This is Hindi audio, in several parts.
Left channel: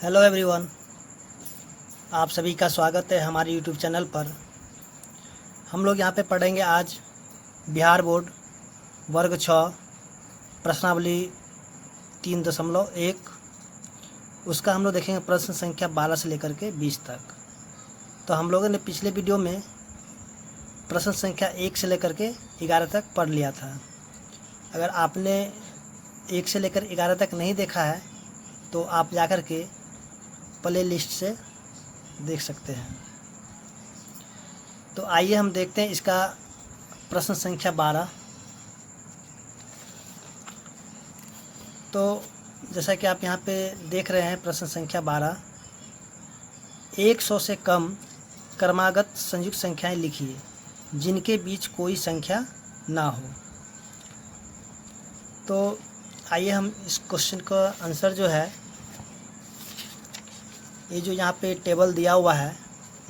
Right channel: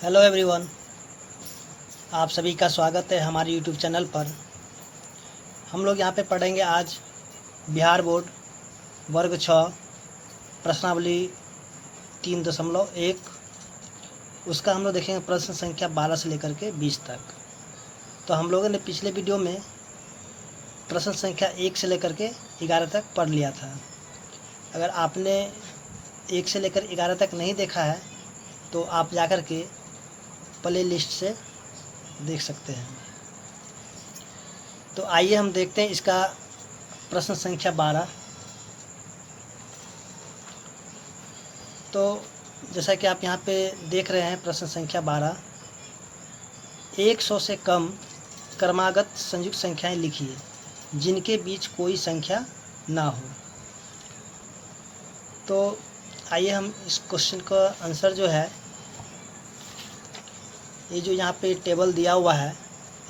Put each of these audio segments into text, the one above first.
हेलो एवरीवन, आप सभी का स्वागत है हमारे यूट्यूब चैनल पर। हम लोग यहाँ पे पढ़ेंगे आज बिहार बोर्ड वर्ग 6 प्रश्नावली 3.1। उसका हम लोग देखेंगे प्रश्न संख्या 12 से लेकर के 20 तक। तो हम लोगों ने पिछले वीडियो में प्रश्न संख्या 1 से लेकर के 11 तक पढ़ लिया था। अगर आपने 1 से लेकर 11 तक नहीं देखा है तो आप जाकर के प्ले लिस्ट से देख सकते हैं। तो आइए हम देखते हैं इसका प्रश्न संख्या 12। तो जैसा कि आप यहाँ पे देख रहे हैं प्रश्न संख्या 12, 100 से कम क्रमागत संयुक्त संख्याएं लिखिए जिनके बीच कोई संख्या ना हो। तो आइए हम इस क्वेश्चन का आंसर जो है, ये जो यहाँ पे टेबल दिया हुआ है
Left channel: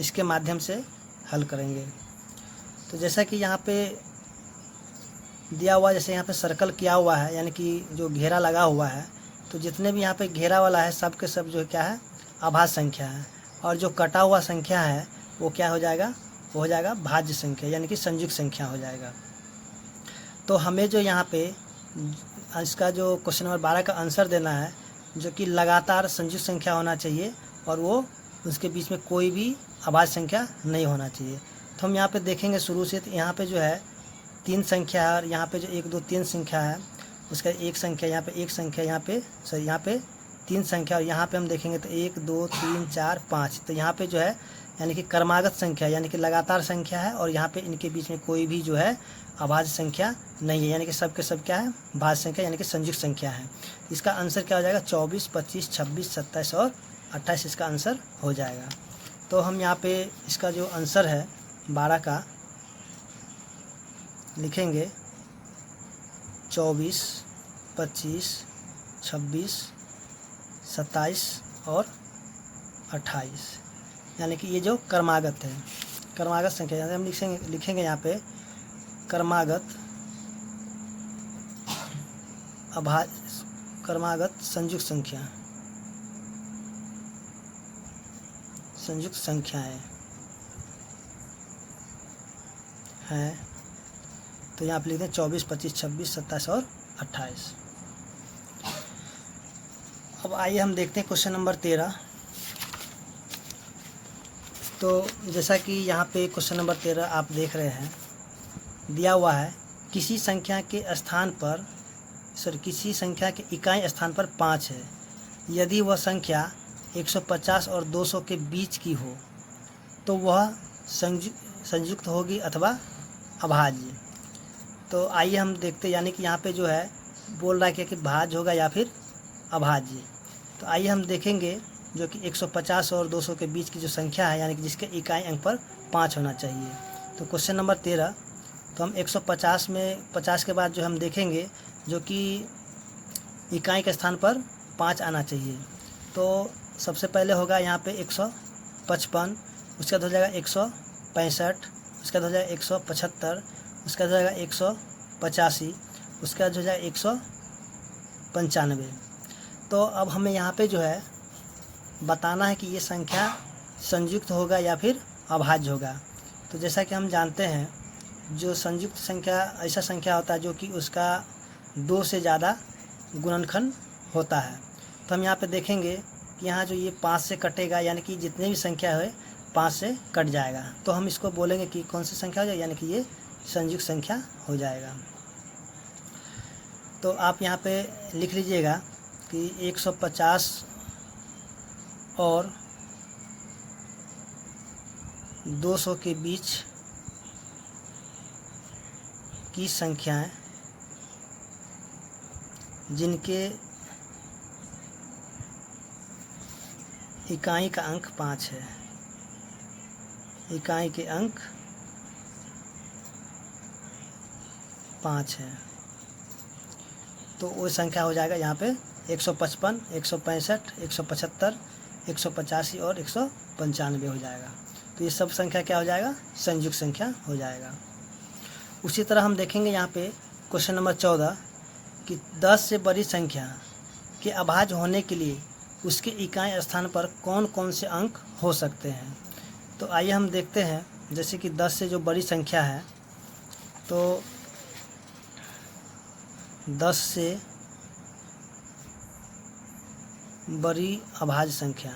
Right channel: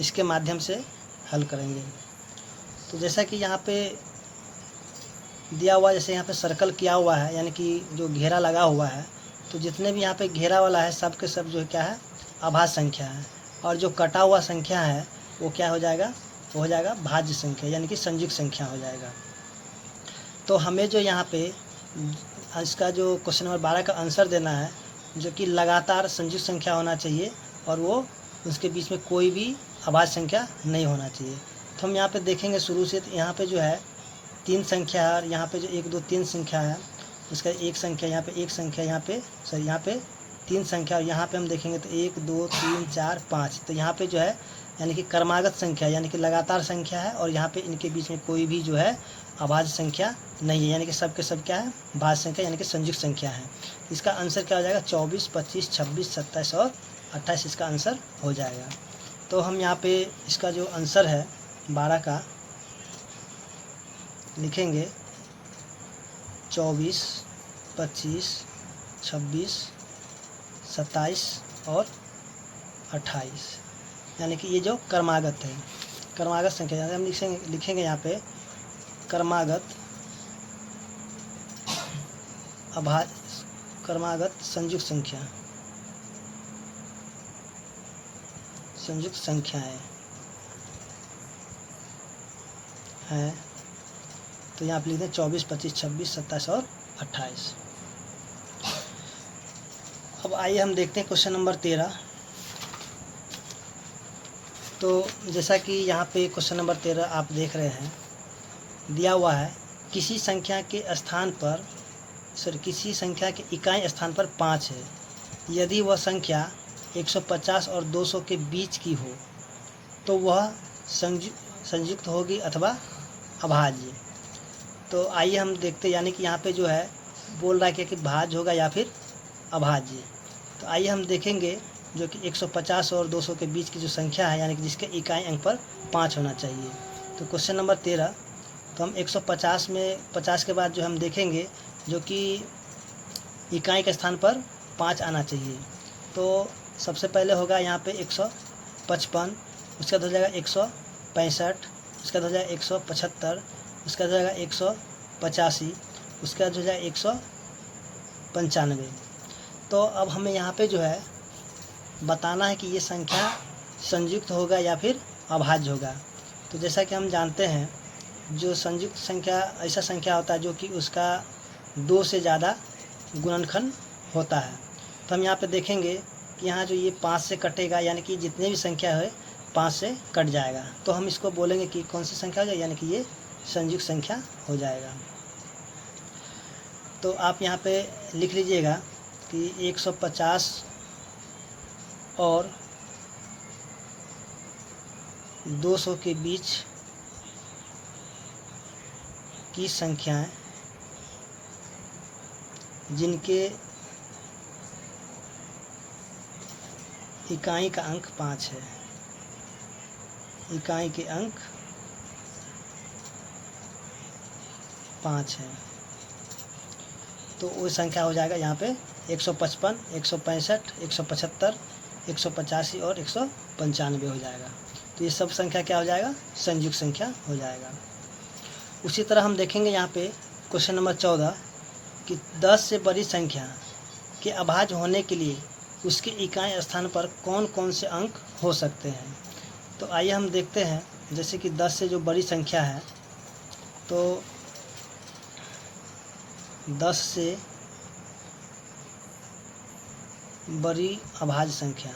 इसके माध्यम से हल करेंगे। तो जैसा कि यहाँ पे दिया हुआ, जैसे यहाँ पे सर्कल किया हुआ है यानी कि जो घेरा लगा हुआ है, तो जितने भी यहाँ पे घेरा वाला है सब के सब जो क्या है, अभाज्य संख्या है। और जो कटा हुआ संख्या है वो क्या हो जाएगा, वो हो जाएगा भाज्य संख्या यानी कि संयुक्त संख्या हो जाएगा। तो हमें जो यहाँ पे इसका जो क्वेश्चन नंबर 12 का आंसर देना है, जो कि लगातार संयुक्त संख्या होना चाहिए और वो उसके बीच में कोई भी अभाज्य संख्या नहीं होना चाहिए। तो हम यहाँ पे देखेंगे शुरू से, तो यहाँ पे जो है 3 संख्या है और यहाँ पे जो 1 2 3 संख्या है, इसका एक संख्या यहाँ पे, एक संख्या यहाँ पे, सॉरी यहाँ पे 3 संख्या, और यहाँ पे हम देखेंगे तो 1 2 3 4 5। तो यहाँ पे जो है यानी कि क्रमागत संख्या यानी कि लगातार संख्या है, और यहाँ पे इनके बीच में कोई भी जो है अभाज्य संख्या नहीं है, यानी कि सब के सब क्या है, भाज्य संख्या यानी कि संयुक्त संख्या है। इसका आंसर क्या हो जाएगा, 24 25 26 27 और 28 इसका आंसर हो जाएगा। तो हम यहाँ पे इसका जो आंसर है 12 का लिखेंगे 24 25 26 27 और 28, यानी कि ये जो क्रमागत है, क्रमागत संख्या यानी हम लिखेंगे यहाँ पे क्रमागत क्रमागत संयुक्त संख्या, संयुक्त संख्याएं हैं। तो यहाँ पे लिखते हैं 24 25 26 27 और 28। अब आइए हम देखते हैं क्वेश्चन नंबर 13। तो जैसा कि यहाँ पे क्वेश्चन नंबर 13 आप देख रहे हैं, दिया हुआ है किसी संख्या के स्थान पर, किसी संख्या के इकाई स्थान पर 5 है, यदि वह संख्या 150 और 200 के बीच की हो तो वह संयुक्त होगी अथवा अभाज्य। तो आइए हम देखते हैं, यानी कि यहाँ पे जो है बोल रहा है कि भाज्य होगा या फिर अभाज्य। तो आइए हम देखेंगे जो कि 150 और 200 के बीच की जो संख्या है, यानी कि जिसके इकाई अंक पर 5 होना चाहिए। तो क्वेश्चन नंबर 13, तो हम 150 में 50 के बाद जो हम देखेंगे जो कि इकाई के स्थान पर 5 आना चाहिए। तो सबसे पहले होगा यहाँ पे 155, उसका हो जाएगा 165, उसका हो जाएगा 175, उसका हो जाएगा 185, उसका हो जाएगा 195। तो अब हमें यहाँ पे जो है बताना है कि ये संख्या संयुक्त होगा या फिर अभाज्य होगा। तो जैसा कि हम जानते हैं जो संयुक्त संख्या ऐसा संख्या होता है जो कि उसका 2 से ज़्यादा गुणनखंड होता है। तो हम यहाँ पे देखेंगे कि यहाँ जो ये 5 से कटेगा, यानी कि जितने भी संख्या है 5 से कट जाएगा, तो हम इसको बोलेंगे कि कौन सी संख्या हो जाएगी, यानी कि ये संयुक्त संख्या हो जाएगा। तो आप यहाँ पे लिख लीजिएगा कि 150 और 200 के बीच की संख्याएं जिनके इकाई का अंक 5 है, इकाई के अंक 5 है, तो वो संख्या हो जाएगा यहाँ पे 155 165 175 185 और 195 हो जाएगा। तो ये सब संख्या क्या हो जाएगा, संयुक्त संख्या हो जाएगा। उसी तरह हम देखेंगे यहाँ पे क्वेश्चन नंबर 14 कि 10 से बड़ी संख्या के अभाज्य होने के लिए उसके इकाई स्थान पर कौन कौन से अंक हो सकते हैं। तो आइए हम देखते हैं, जैसे कि 10 से जो बड़ी संख्या है, तो 10 से बड़ी अभाज्य संख्या,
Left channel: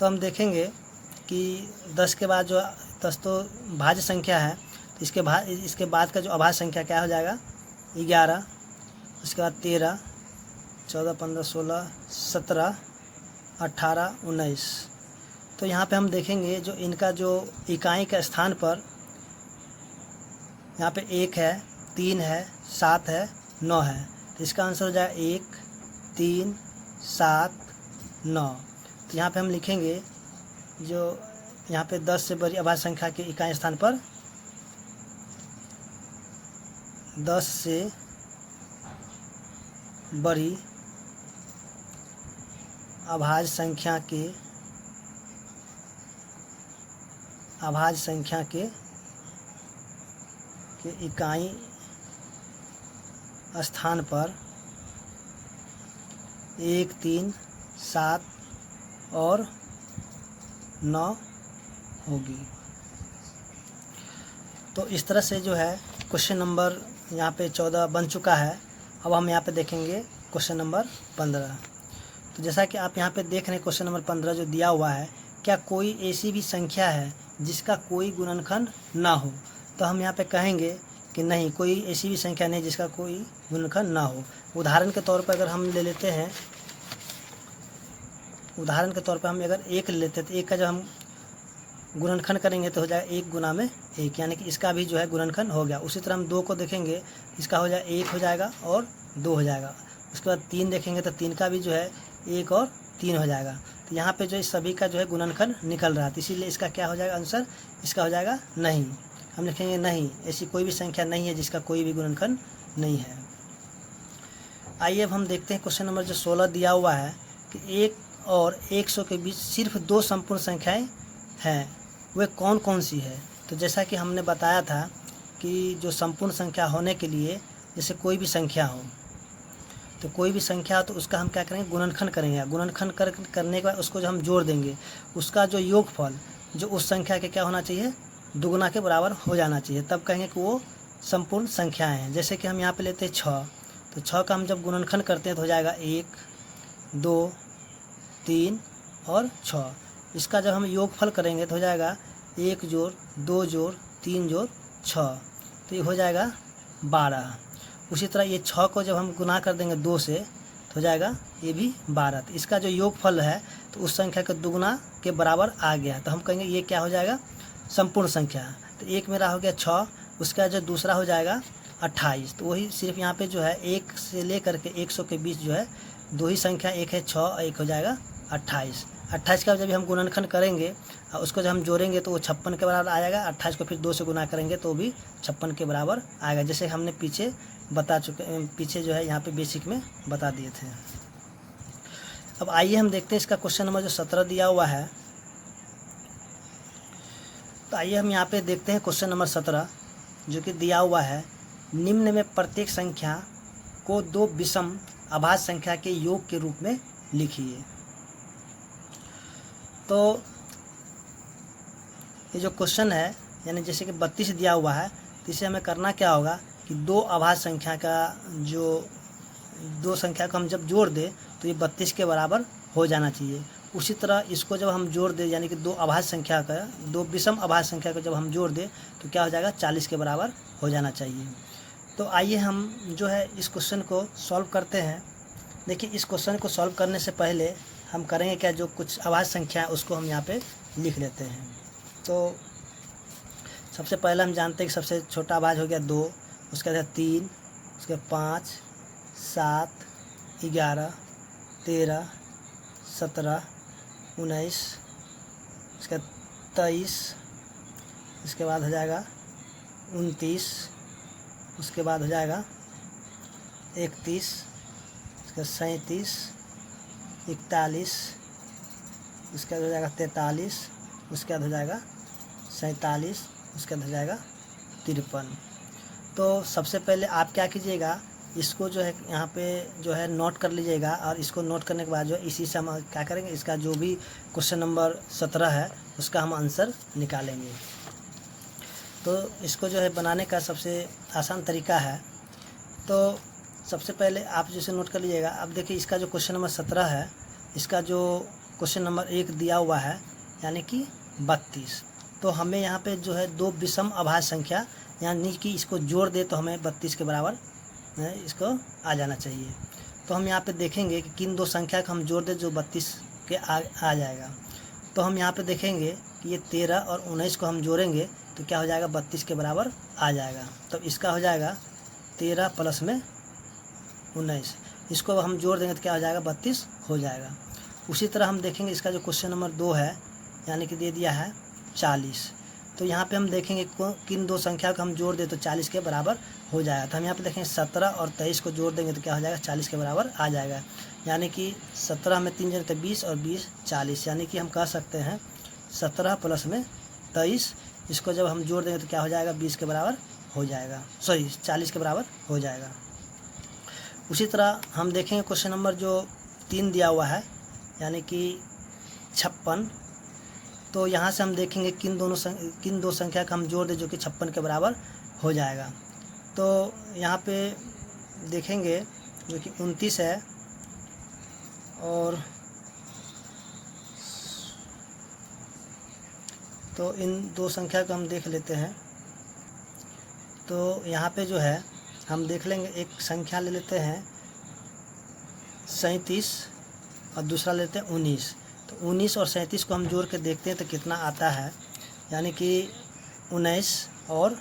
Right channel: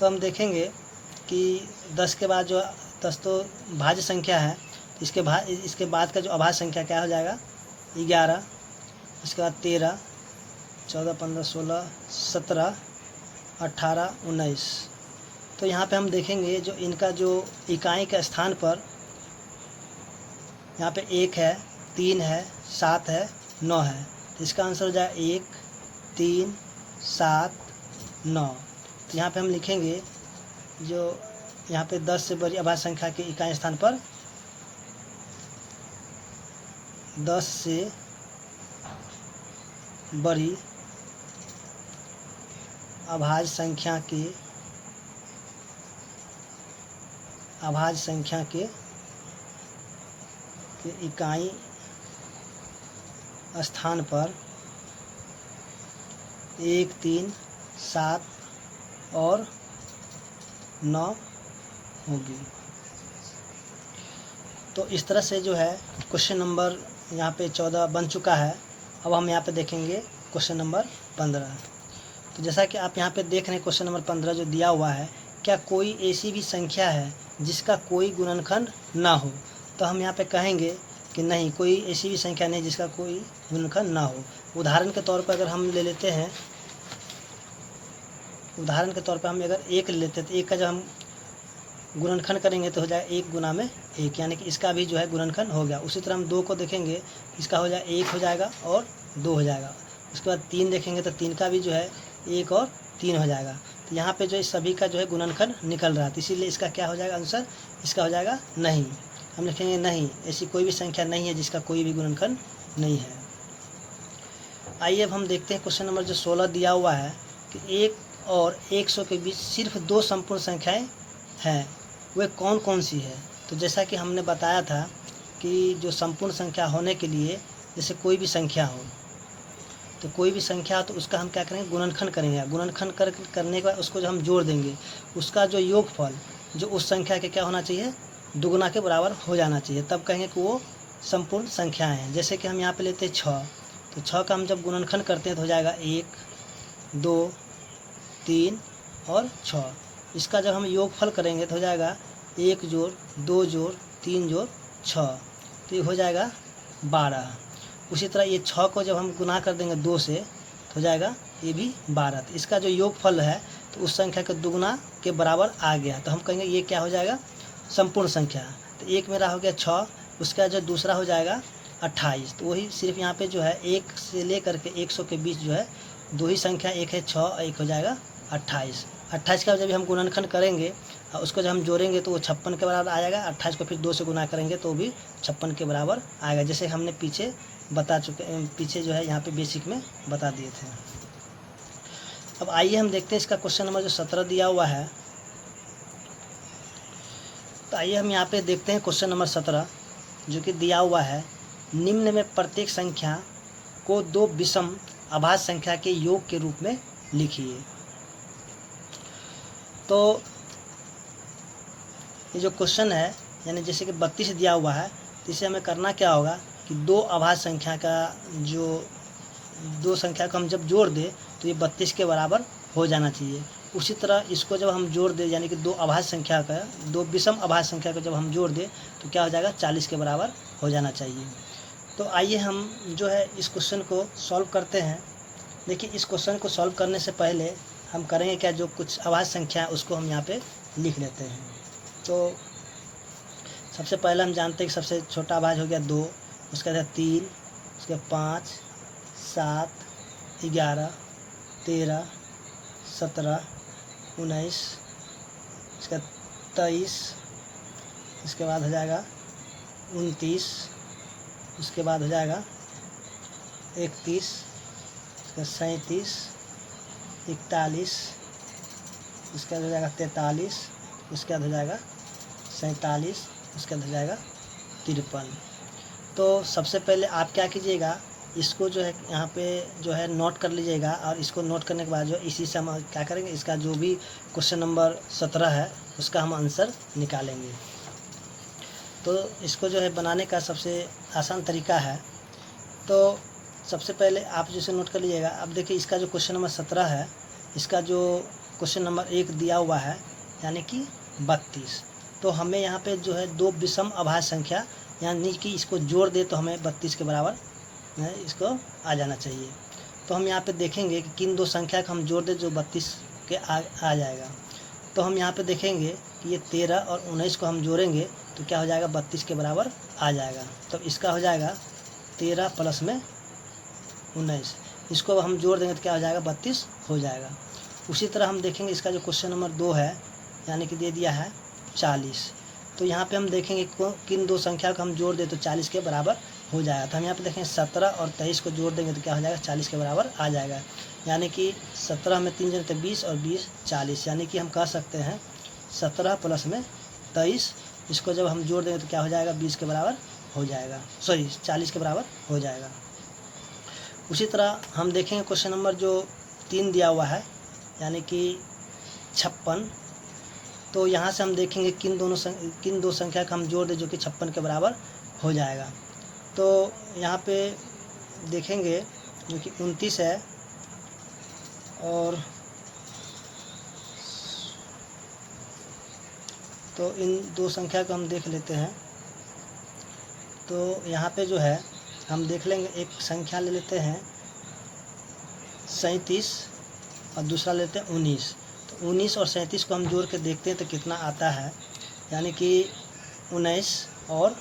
तो हम देखेंगे कि 10 के बाद जो 10 तो भाज्य संख्या है, तो इसके बाद का जो अभाज्य संख्या क्या हो जाएगा, 11, इसके बाद 13, 14, 15, 16, 17, 18, 19। तो यहाँ पे हम देखेंगे जो इनका जो इकाई के स्थान पर यहाँ पे 1 है, 3 है, 7 है, 9 है, तो इसका आंसर हो जाएगा 1, 3, 7, 9। तो यहाँ पे हम लिखेंगे जो यहाँ पे 10 से बड़ी अभाज्य संख्या के इकाई स्थान पर 10 से बड़ी अभाज्य संख्या के इकाई स्थान पर 1, 3, 7 और 9 होगी। तो इस तरह से जो है क्वेश्चन नंबर यहाँ पे 14 बन चुका है। अब हम यहाँ पे देखेंगे क्वेश्चन नंबर 15। तो जैसा कि आप यहाँ पे देख रहे हैं क्वेश्चन नंबर 15 जो दिया हुआ है, क्या कोई ऐसी भी संख्या है जिसका कोई गुणनखंड ना हो। तो हम यहाँ पे कहेंगे कि नहीं, कोई ऐसी भी संख्या नहीं जिसका कोई गुणनखंड ना हो। उदाहरण के तौर पर अगर हम ले लेते हैं, उदाहरण के तौर पर हम अगर 1 ले लेते हैं, तो 1 का जब हम गुणनखंड करेंगे तो हो जाएगा 1 गुना में 1, यानी कि इसका भी जो है गुणनखंड हो गया। उसी तरह हम 2 को देखेंगे, इसका हो जाएगा 1 हो जाएगा और 2 हो जाएगा। उसके बाद 3 देखेंगे तो 3 का भी जो है 1 और 3 हो जाएगा। तो यहाँ पे जो इस सभी का जो है गुणनखंड निकल रहा है, तो इसीलिए इसका क्या हो जाएगा आंसर, इसका हो जाएगा नहीं। हम लिखेंगे नहीं, ऐसी कोई भी संख्या नहीं है जिसका कोई भी गुणनखंड नहीं है। आइए अब हम देखते हैं क्वेश्चन नंबर जो 16 दिया हुआ है कि 1 और 100 के बीच सिर्फ 2 संपूर्ण संख्याएं हैं, वे कौन कौन सी है। तो जैसा कि हमने बताया था कि जो संपूर्ण संख्या होने के लिए, जैसे कोई भी संख्या हो, तो कोई भी संख्या तो उसका हम क्या करेंगे, गुणनखंड करेंगे। गुणनखंड करने के बाद उसको जो हम जोड़ देंगे, उसका जो योगफल जो उस संख्या के क्या होना चाहिए, दुगुना के बराबर हो जाना चाहिए, तब कहेंगे कि वो संपूर्ण संख्याएं हैं। जैसे कि हम यहाँ पे लेते हैं 6, तो 6 का हम जब गुणनखंड करते हैं तो हो जाएगा 1, 2, 3 और 6। इसका जब हम योगफल करेंगे तो हो जाएगा 1 जोड़ 2 जोड़ 3 जोड़ 6, तो ये हो जाएगा 12। उसी तरह ये 6 को जब हम गुना कर देंगे 2 से तो हो जाएगा ये भी 12। तो इसका जो योगफल है तो उस संख्या के दुगुना के बराबर आ गया, तो हम कहेंगे ये क्या हो जाएगा, संपूर्ण संख्या। तो एक मेरा हो गया 6, उसका जो दूसरा हो जाएगा 28। तो वही सिर्फ यहाँ पे जो है 1 से लेकर के 100 के बीच जो है 2 ही संख्या, एक है 6 और एक हो जाएगा 28। 28 का जब हम गुणनखंड करेंगे और उसको जब हम जोड़ेंगे तो वो 56 के बराबर आ जाएगा। 28 को फिर 2 से गुना करेंगे तो भी 56 के बराबर आएगा, जैसे हमने पीछे बता चुके, पीछे जो है यहाँ पे बेसिक में बता दिए थे। अब आइए हम देखते हैं इसका क्वेश्चन नंबर जो 17 दिया हुआ है। तो आइए हम यहाँ पे देखते हैं क्वेश्चन नंबर 17 जो कि दिया हुआ है, निम्न में प्रत्येक संख्या को 2 विषम अभाज्य संख्या के योग के रूप में लिखिए। तो ये जो क्वेश्चन है, यानी जैसे कि 32 दिया हुआ है, तो इसे हमें करना क्या होगा कि 2 अभाज्य संख्या का जो 2 संख्या को हम जब जोड़ दें तो ये 32 के बराबर हो जाना चाहिए। उसी तरह इसको जब हम जोड़ दें, यानी कि 2 अभाज्य संख्या का 2 विषम अभाज्य संख्या को जब हम जोड़ दें तो क्या हो जाएगा, 40 के बराबर हो जाना चाहिए। तो आइए हम जो है इस क्वेश्चन को सॉल्व करते हैं। देखिए, इस क्वेश्चन को सॉल्व करने से पहले हम करेंगे क्या, जो कुछ अभाज्य संख्या है उसको हम यहाँ पे लिख लेते हैं। तो सबसे पहले हम जानते हैं कि सबसे छोटा अभाज्य हो गया 2, उसके बाद 3, उसके 5, 7, 11, 13, 17, 19, उसके 23, उसके बाद हो जाएगा 29, उसके बाद हो जाएगा 31, उसके 37, 41, उसके बाद हो जाएगा 43, उसके बाद हो जाएगा 47, उसके बाद हो जाएगा 53। तो सबसे पहले आप क्या कीजिएगा इसको जो है यहाँ पे जो है नोट कर लीजिएगा, और इसको नोट करने के बाद जो है इसी से हम क्या करेंगे, इसका जो भी क्वेश्चन नंबर 17 है उसका हम आंसर निकालेंगे। तो इसको जो है बनाने का सबसे आसान तरीका है। तो सबसे पहले आप जैसे नोट कर लीजिएगा। अब देखिए इसका जो क्वेश्चन नंबर 17 है, इसका जो क्वेश्चन नंबर 1 दिया हुआ है यानी कि 32। तो हमें यहाँ पे जो है दो विषम अभाज्य संख्या यानी कि इसको जोड़ दे तो हमें 32 के बराबर इसको आ जाना चाहिए। तो हम यहाँ पे देखेंगे कि किन दो संख्या का हम जोड़ दें जो 32 के आ जाएगा। तो हम यहाँ पे देखेंगे कि ये 13 और 19 को हम जोड़ेंगे तो क्या हो जाएगा, 32 के बराबर आ जाएगा। तो इसका हो जाएगा 13 प्लस में 19, इसको हम जोड़ देंगे तो क्या हो जाएगा, 32 हो जाएगा। उसी तरह हम देखेंगे इसका जो क्वेश्चन नंबर 2 है यानी कि दे दिया है 40। तो यहाँ पे हम देखेंगे किन दो संख्या को हम जोड़ दें तो 40 के बराबर हो जाएगा। तो हम यहाँ पे देखेंगे 17 और 23 को जोड़ देंगे तो क्या हो जाएगा, 40 के बराबर आ जाएगा। यानी कि 17 में 3 जन तो 20 और 20 40, यानी कि हम कह सकते हैं 17 प्लस में 23, इसको जब हम जोड़ देंगे तो क्या हो जाएगा, 20 के बराबर हो जाएगा, 40 के बराबर हो जाएगा। उसी तरह हम देखेंगे क्वेश्चन नंबर जो 3 दिया हुआ है यानी कि 56। तो यहाँ से हम देखेंगे किन दो संख्या का हम जोड़ दें जो कि 56 के बराबर हो जाएगा। तो यहाँ पे देखेंगे जो कि 29 है और तो इन दो संख्या को हम देख लेते हैं। तो यहाँ पे जो है हम देख लेंगे, एक संख्या ले लेते हैं 37 और दूसरा लेते हैं 19। तो 19 और 37 को हम जोड़ के देखते हैं तो कितना आता है, यानी कि 19 और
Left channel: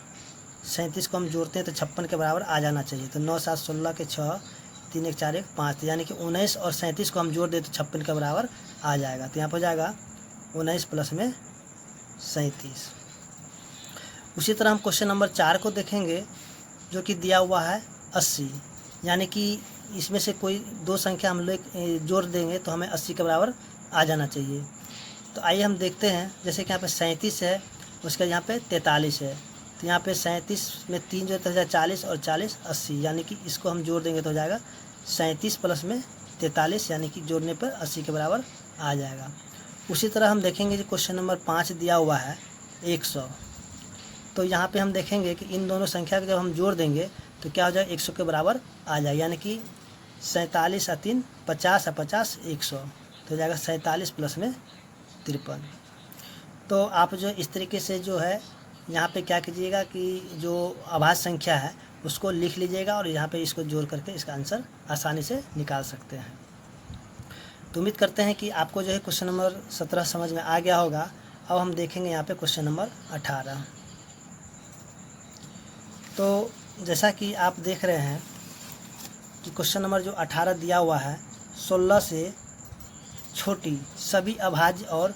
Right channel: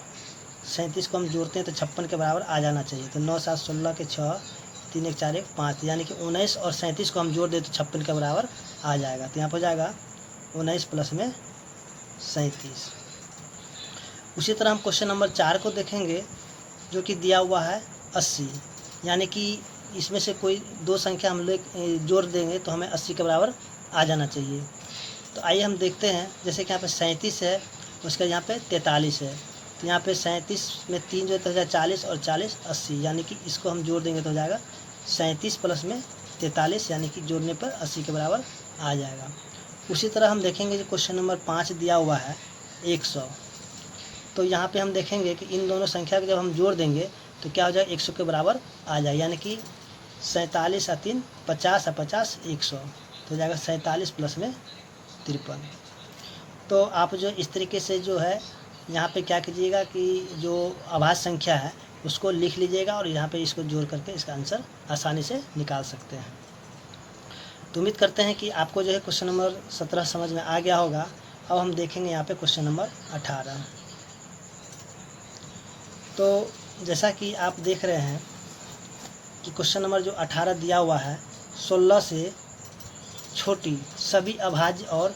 37 को हम जोड़ते हैं तो 56 के बराबर आ जाना चाहिए। तो 9 7 16 के 6 3 1 4 1 5, यानी कि 19 और 37 को हम जोड़ दें तो 56 के बराबर आ जाएगा। तो यहाँ पर जाएगा 19 प्लस में 37। उसी तरह हम क्वेश्चन नंबर 4 को देखेंगे जो कि दिया हुआ है 80, यानी कि इसमें से कोई दो संख्या हम लोग जोड़ देंगे तो हमें 80 के बराबर आ जाना चाहिए। तो आइए हम देखते हैं, जैसे कि यहाँ पे 37 है उसका यहाँ पे 43 है। तो यहाँ पे 37 में 3 जो है 40 और 40 80, यानी कि इसको हम जोड़ देंगे तो हो जाएगा 37 प्लस में 43, यानी कि जोड़ने पर 80 के बराबर आ जाएगा। उसी तरह हम देखेंगे कि क्वेश्चन नंबर 5 दिया हुआ है 100। तो यहाँ पे हम देखेंगे कि इन दोनों संख्या को जब हम जोड़ देंगे तो क्या हो जाएगा, 100 के बराबर आ जाए, यानी कि 47 और 3 50 और 50 100, तो हो जाएगा 47 प्लस में 53। तो आप जो इस तरीके से जो है यहाँ पे क्या कीजिएगा कि जो अभाज्य संख्या है उसको लिख लीजिएगा और यहाँ पे इसको जोड़ करके इसका आंसर आसानी से निकाल सकते हैं। तो उम्मीद करते हैं कि आपको जो है क्वेश्चन नंबर 17 समझ में आ गया होगा। अब हम देखेंगे यहाँ पे क्वेश्चन नंबर 18। तो जैसा कि आप देख रहे हैं कि क्वेश्चन नंबर जो 18 दिया हुआ है, 16 से छोटी सभी अभाज्य और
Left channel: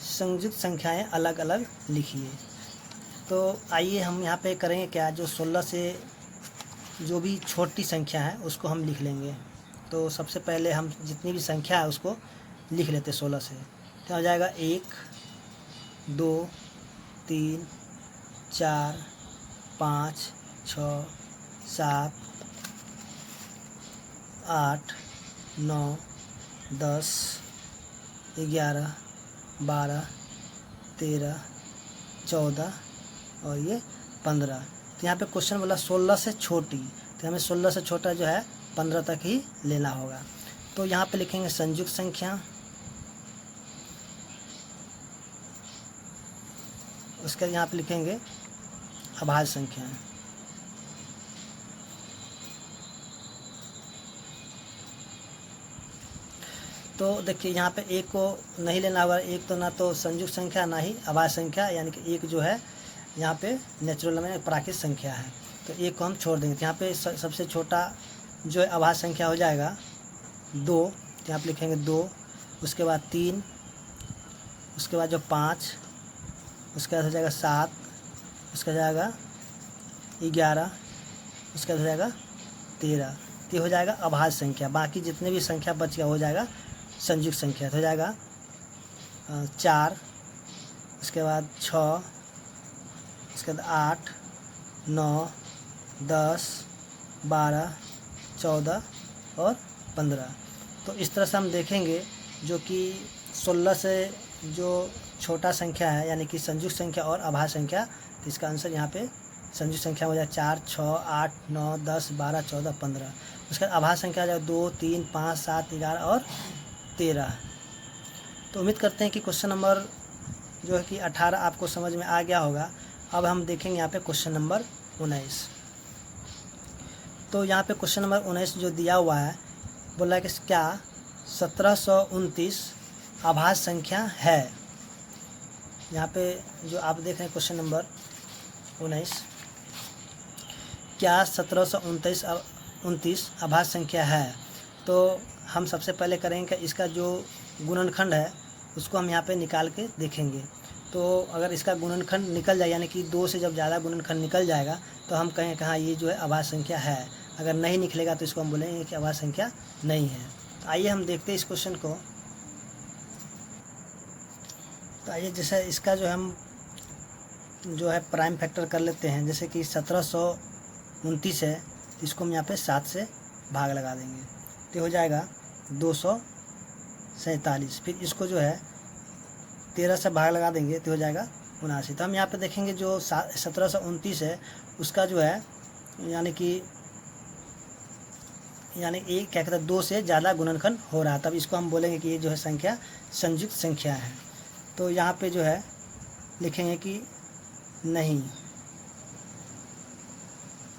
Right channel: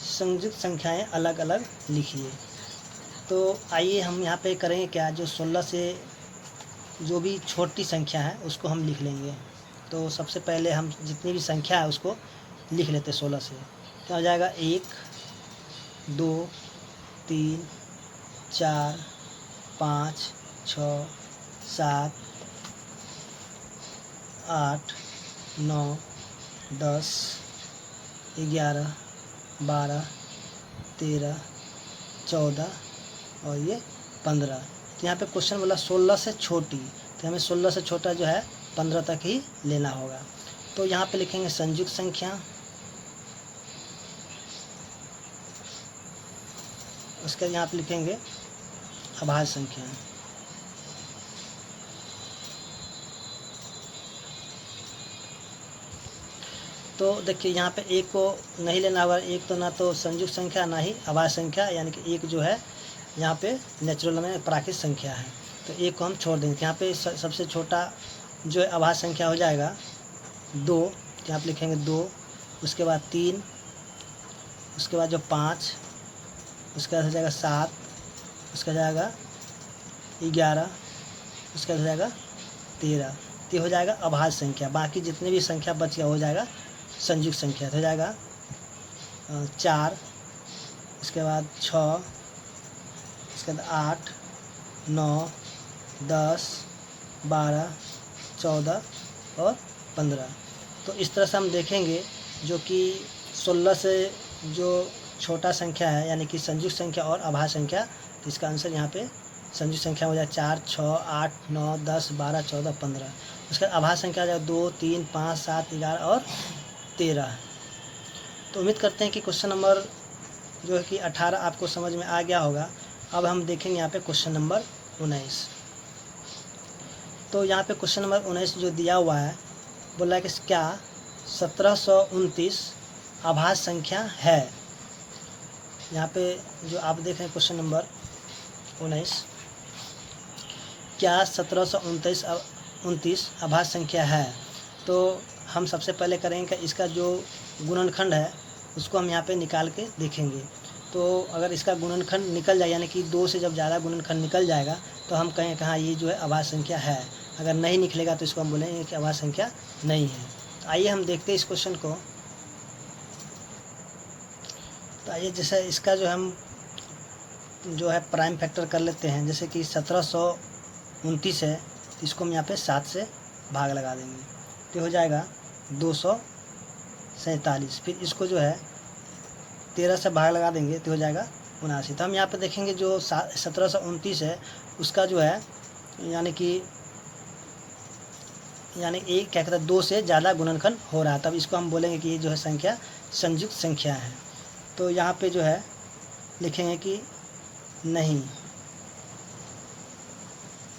संयुक्त संख्याएं अलग अलग लिखिए। तो आइए हम यहाँ पे करेंगे क्या, जो 16 से जो भी छोटी संख्या है उसको हम लिख लेंगे। तो सबसे पहले हम जितनी भी संख्या है उसको लिख लेते हैं 16 से। क्या हो जाएगा, 1 2 3 4 5 6 7 8 9 10 11 12 13 14 और ये 15। तो यहाँ पे क्वेश्चन बोला 16 से छोटी, तो हमें 16 से छोटा जो है 15 तक ही लेना होगा। तो यहाँ पे लिखेंगे संयुक्त संख्या, उसका यहाँ पे लिखेंगे अभाज्य संख्या। तो देखिए यहाँ पे एक को नहीं लेना होगा, एक तो ना तो संयुक्त संख्या ना ही अभाज्य संख्या, यानी कि एक जो है यहाँ पे नेचुरल में प्राकृतिक संख्या है, तो एक को हम छोड़ देंगे। यहाँ पे सबसे छोटा जो है अभाज्य संख्या हो जाएगा 2, तो यहाँ पे लिखेंगे 2, उसके बाद 3, उसके बाद जो 5, उसके बाद हो जाएगा 7, उसका जाएगा 11, उसका हो जाएगा 13। ये हो जाएगा अभाज्य संख्या। बाकी जितने भी संख्या बच गया हो जाएगा संयुक्त संख्या। तो हो जाएगा 4, उसके बाद 6, उसके बाद 8 9 10 12 14 और 15। तो इस तरह से हम देखेंगे जो कि 16 से जो छोटा संख्या है यानी कि संयुक्त संख्या और अभाज्य संख्या, तो इसका आंसर यहाँ पे संयुक्त संख्या हो जाए 4, 6, 8, 9, 10, 12, 14, 15। उसका अभाज्य संख्या हो जाए 2, 3, 5, 7, 11 और 13। तो उम्मीद करते हैं कि क्वेश्चन नंबर जो है कि 18 आपको समझ में आ गया होगा। अब हम देखेंगे यहाँ पे क्वेश्चन नंबर 19। तो यहाँ पे क्वेश्चन नंबर 19 जो दिया हुआ है, बोला कि क्या 1729 अभाज्य संख्या है। यहाँ पे जो आप देख रहे हैं क्वेश्चन नंबर 19, क्या 1729 अभाज्य संख्या है। तो हम सबसे पहले करेंगे कि इसका जो गुणनखंड है उसको हम यहाँ पे निकाल के देखेंगे। तो अगर इसका गुणनखंड निकल जाए यानी कि 2 से जब ज़्यादा गुणनखंड निकल जाएगा तो हम कहें कहाँ ये जो है अभाज्य संख्या है। अगर नहीं निकलेगा तो इसको हम बोलेंगे कि अभाज्य संख्या नहीं है। तो आइए हम देखते हैं इस क्वेश्चन को। तो आइए जैसे इसका जो हम जो है प्राइम फैक्टर कर लेते हैं। जैसे कि 1729 है तो इसको हम यहाँ पे 7 से भाग लगा देंगे तो हो जाएगा 247। फिर इसको जो है 13 से भाग लगा देंगे तो हो जाएगा 79। तो हम यहाँ पे देखेंगे जो 1729 है उसका जो है यानी एक क्या कहते हैं 2 से ज़्यादा गुणनखंड हो रहा है, तब इसको हम बोलेंगे कि ये जो है संख्या संयुक्त संख्या है। तो यहाँ पे जो है लिखेंगे कि नहीं,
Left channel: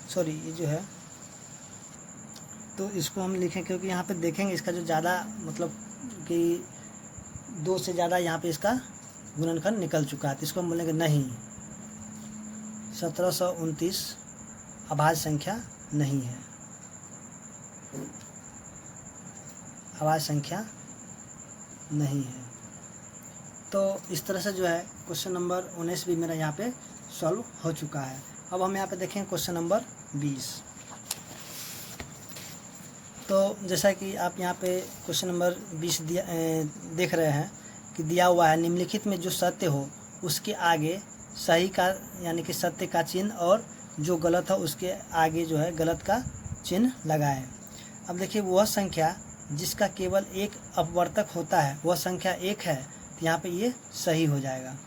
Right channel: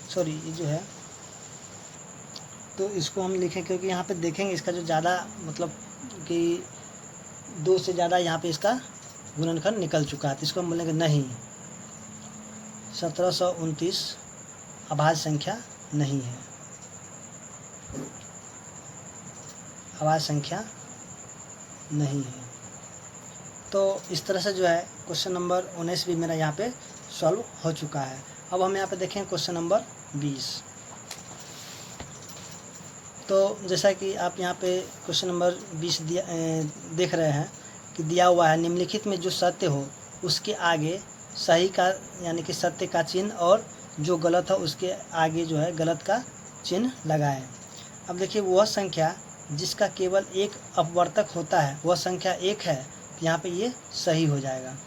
सॉरी ये जो है, तो इसको हम लिखें क्योंकि यहाँ पे देखेंगे इसका जो ज़्यादा मतलब कि 2 से ज़्यादा यहाँ पे इसका गुणनखंड निकल चुका है। तो इसको हम बोलेंगे नहीं, 1729 अभाज्य संख्या नहीं है, अभाज्य संख्या नहीं है। तो इस तरह से जो है क्वेश्चन नंबर 19 भी मेरा यहाँ पे सॉल्व हो चुका है। अब हम यहाँ पे देखेंगे क्वेश्चन नंबर 20। तो जैसा कि आप यहाँ पे क्वेश्चन नंबर 20 देख रहे हैं कि दिया हुआ है निम्नलिखित में जो सत्य हो उसके आगे सही का यानी कि सत्य का चिन्ह और जो गलत है उसके आगे जो है गलत का चिन्ह लगाएं। अब देखिए वह संख्या जिसका केवल एक अपवर्तक होता है वह संख्या 1 है, तो यहाँ पे ये सही हो जाएगा।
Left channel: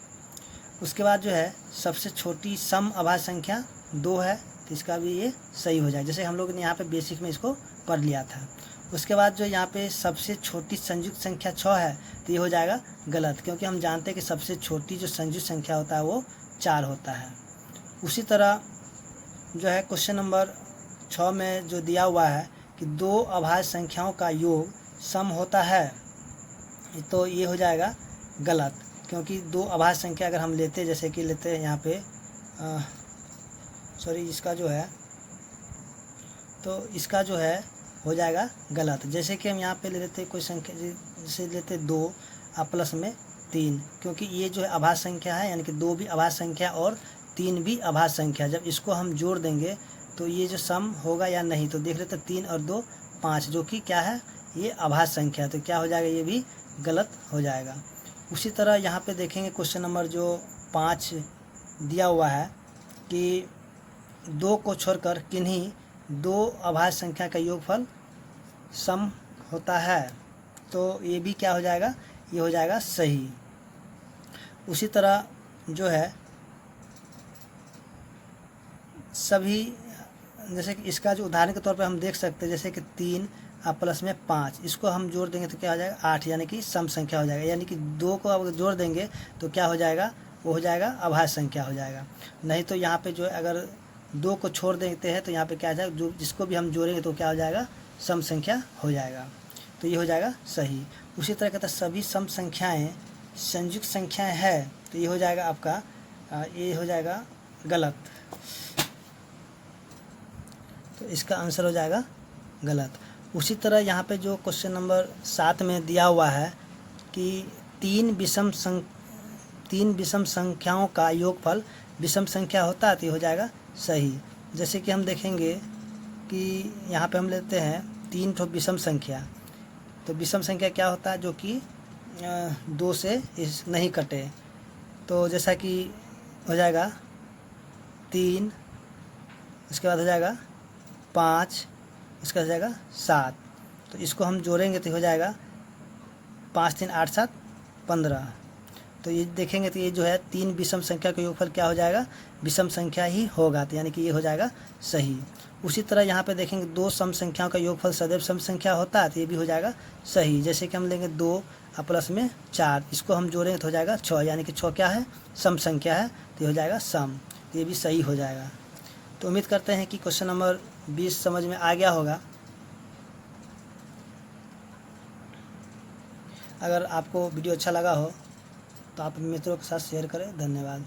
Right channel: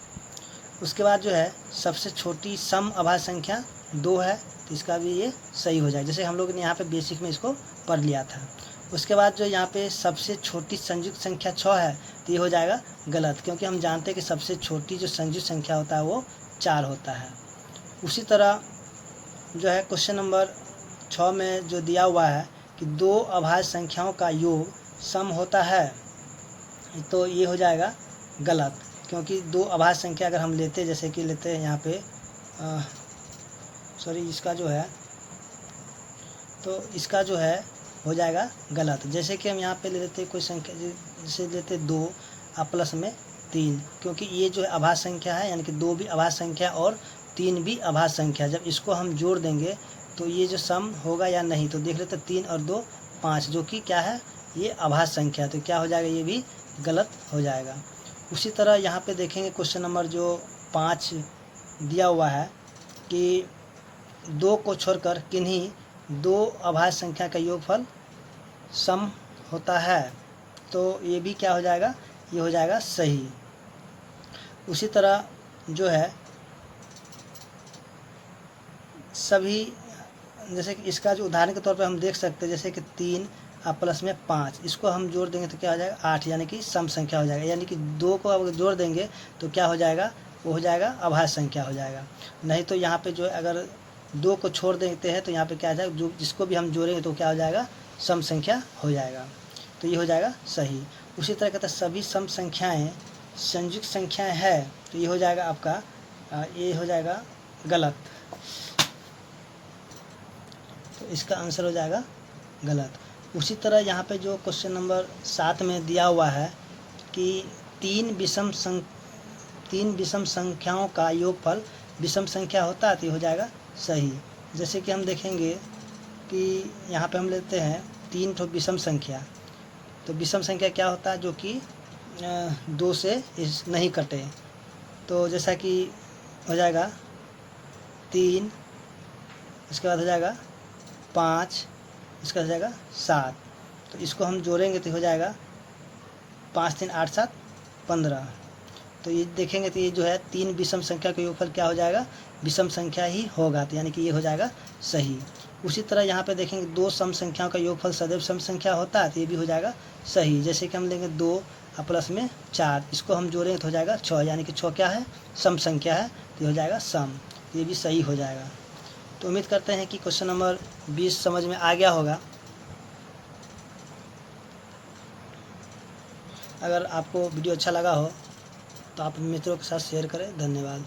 उसके बाद जो है सबसे छोटी सम अभाज्य संख्या 2 है, तो इसका भी ये सही हो जाएगा, जैसे हम लोग ने यहाँ पे बेसिक में इसको पढ़ लिया था। उसके बाद जो यहाँ पे सबसे छोटी संयुक्त संख्या 6 है, तो ये हो जाएगा गलत, क्योंकि हम जानते हैं कि सबसे छोटी जो संयुक्त संख्या होता है वो 4 होता है। उसी तरह जो है क्वेश्चन नंबर 6 में जो दिया हुआ है कि 2 अभाज्य संख्याओं का योग सम होता है, तो ये हो जाएगा गलत, क्योंकि 2 अभाज्य संख्या अगर हम लेते जैसे कि लेते हैं यहाँ पे सॉरी इसका जो है तो इसका जो है हो जाएगा गलत। जैसे कि हम यहाँ पे ले लेते कोई संख्या जैसे लेते 2 प्लस में 3, क्योंकि ये जो है अभाज्य संख्या है यानी कि 2 भी अभाज्य संख्या और 3 भी अभाज्य संख्या, जब इसको हम जोड़ देंगे तो ये जो सम होगा या नहीं, तो देख लेते 3 और 2 5, जो कि क्या है ये अभाज्य संख्या, तो क्या हो जाएगा ये भी गलत हो जाएगा। उसी तरह यहाँ पे देखेंगे क्वेश्चन नंबर जो 5 दिया हुआ है कि 2 को छोड़कर किन्हीं 2 अभाज्य संख्या का योगफल सम होता है, तो ये भी क्या हो जाएगा, ये हो जाएगा सही। उसी तरह जो है सभी जैसे कि इसका जो उदाहरण के तौर पे हम देख सकते हैं जैसे कि 3 प्लस में 5, इसको हम जोड़ देंगे तो क्या हो जाएगा 8, यानी कि सम संख्या हो जाएगा, यानी कि 2 को अगर जोड़ देंगे तो क्या हो जाएगा, वो हो जाएगा अभाज्य संख्या हो जाएगा। नहीं तो यहाँ पे जो है अगर 2 को छोड़ देते हैं तो यहाँ पे क्या हो जाएगा, जो जिसको भी हम जोड़ेंगे तो क्या हो जाएगा सम संख्या हो जाएगा, तो ये हो जाएगा सही। उसी तरह कहता है सभी सम संख्याएँ संयुक्त संख्याएँ है, तो ये हो जाएगा आपका ये हो जाएगा गलत, तो इसका आंसर हो जाएगा गलत। उसी तरह यहाँ पे जो क्वेश्चन नंबर 7 में दिया हुआ है कि 3 विषम संख्याओं का योगफल विषम संख्या होता है, तो ये हो जाएगा सही। जैसे कि हम देखेंगे कि यहाँ पे हम लेते हैं 3 ठो विषम संख्या, तो विषम संख्या क्या होता है, जो कि 2 से नहीं कटे, तो जैसा कि हो जाएगा 3, उसके बाद हो जाएगा 5, इसका हो जाएगा 7। तो इसको हम जोड़ेंगे तो हो जाएगा 5 3 8 7 15। तो ये देखेंगे तो ये जो है 3 विषम संख्या का योगफल क्या हो जाएगा, विषम संख्या ही होगा, तो यानी कि ये हो जाएगा सही। उसी तरह यहाँ पे देखेंगे 2 सम संख्याओं का योगफल सदैव सम संख्या होता है, तो ये भी हो जाएगा सही। जैसे कि हम लेंगे 2 और प्लस में 4, इसको हम जोड़ेंगे तो हो जाएगा 6, यानी कि 6 क्या है, सम संख्या है, तो ये हो जाएगा सम, तो ये भी सही हो जाएगा। तो उम्मीद करते हैं कि क्वेश्चन नंबर 20 समझ में आ गया होगा। अगर आपको वीडियो अच्छा लगा हो तो आप मित्रों के साथ शेयर करें। धन्यवाद।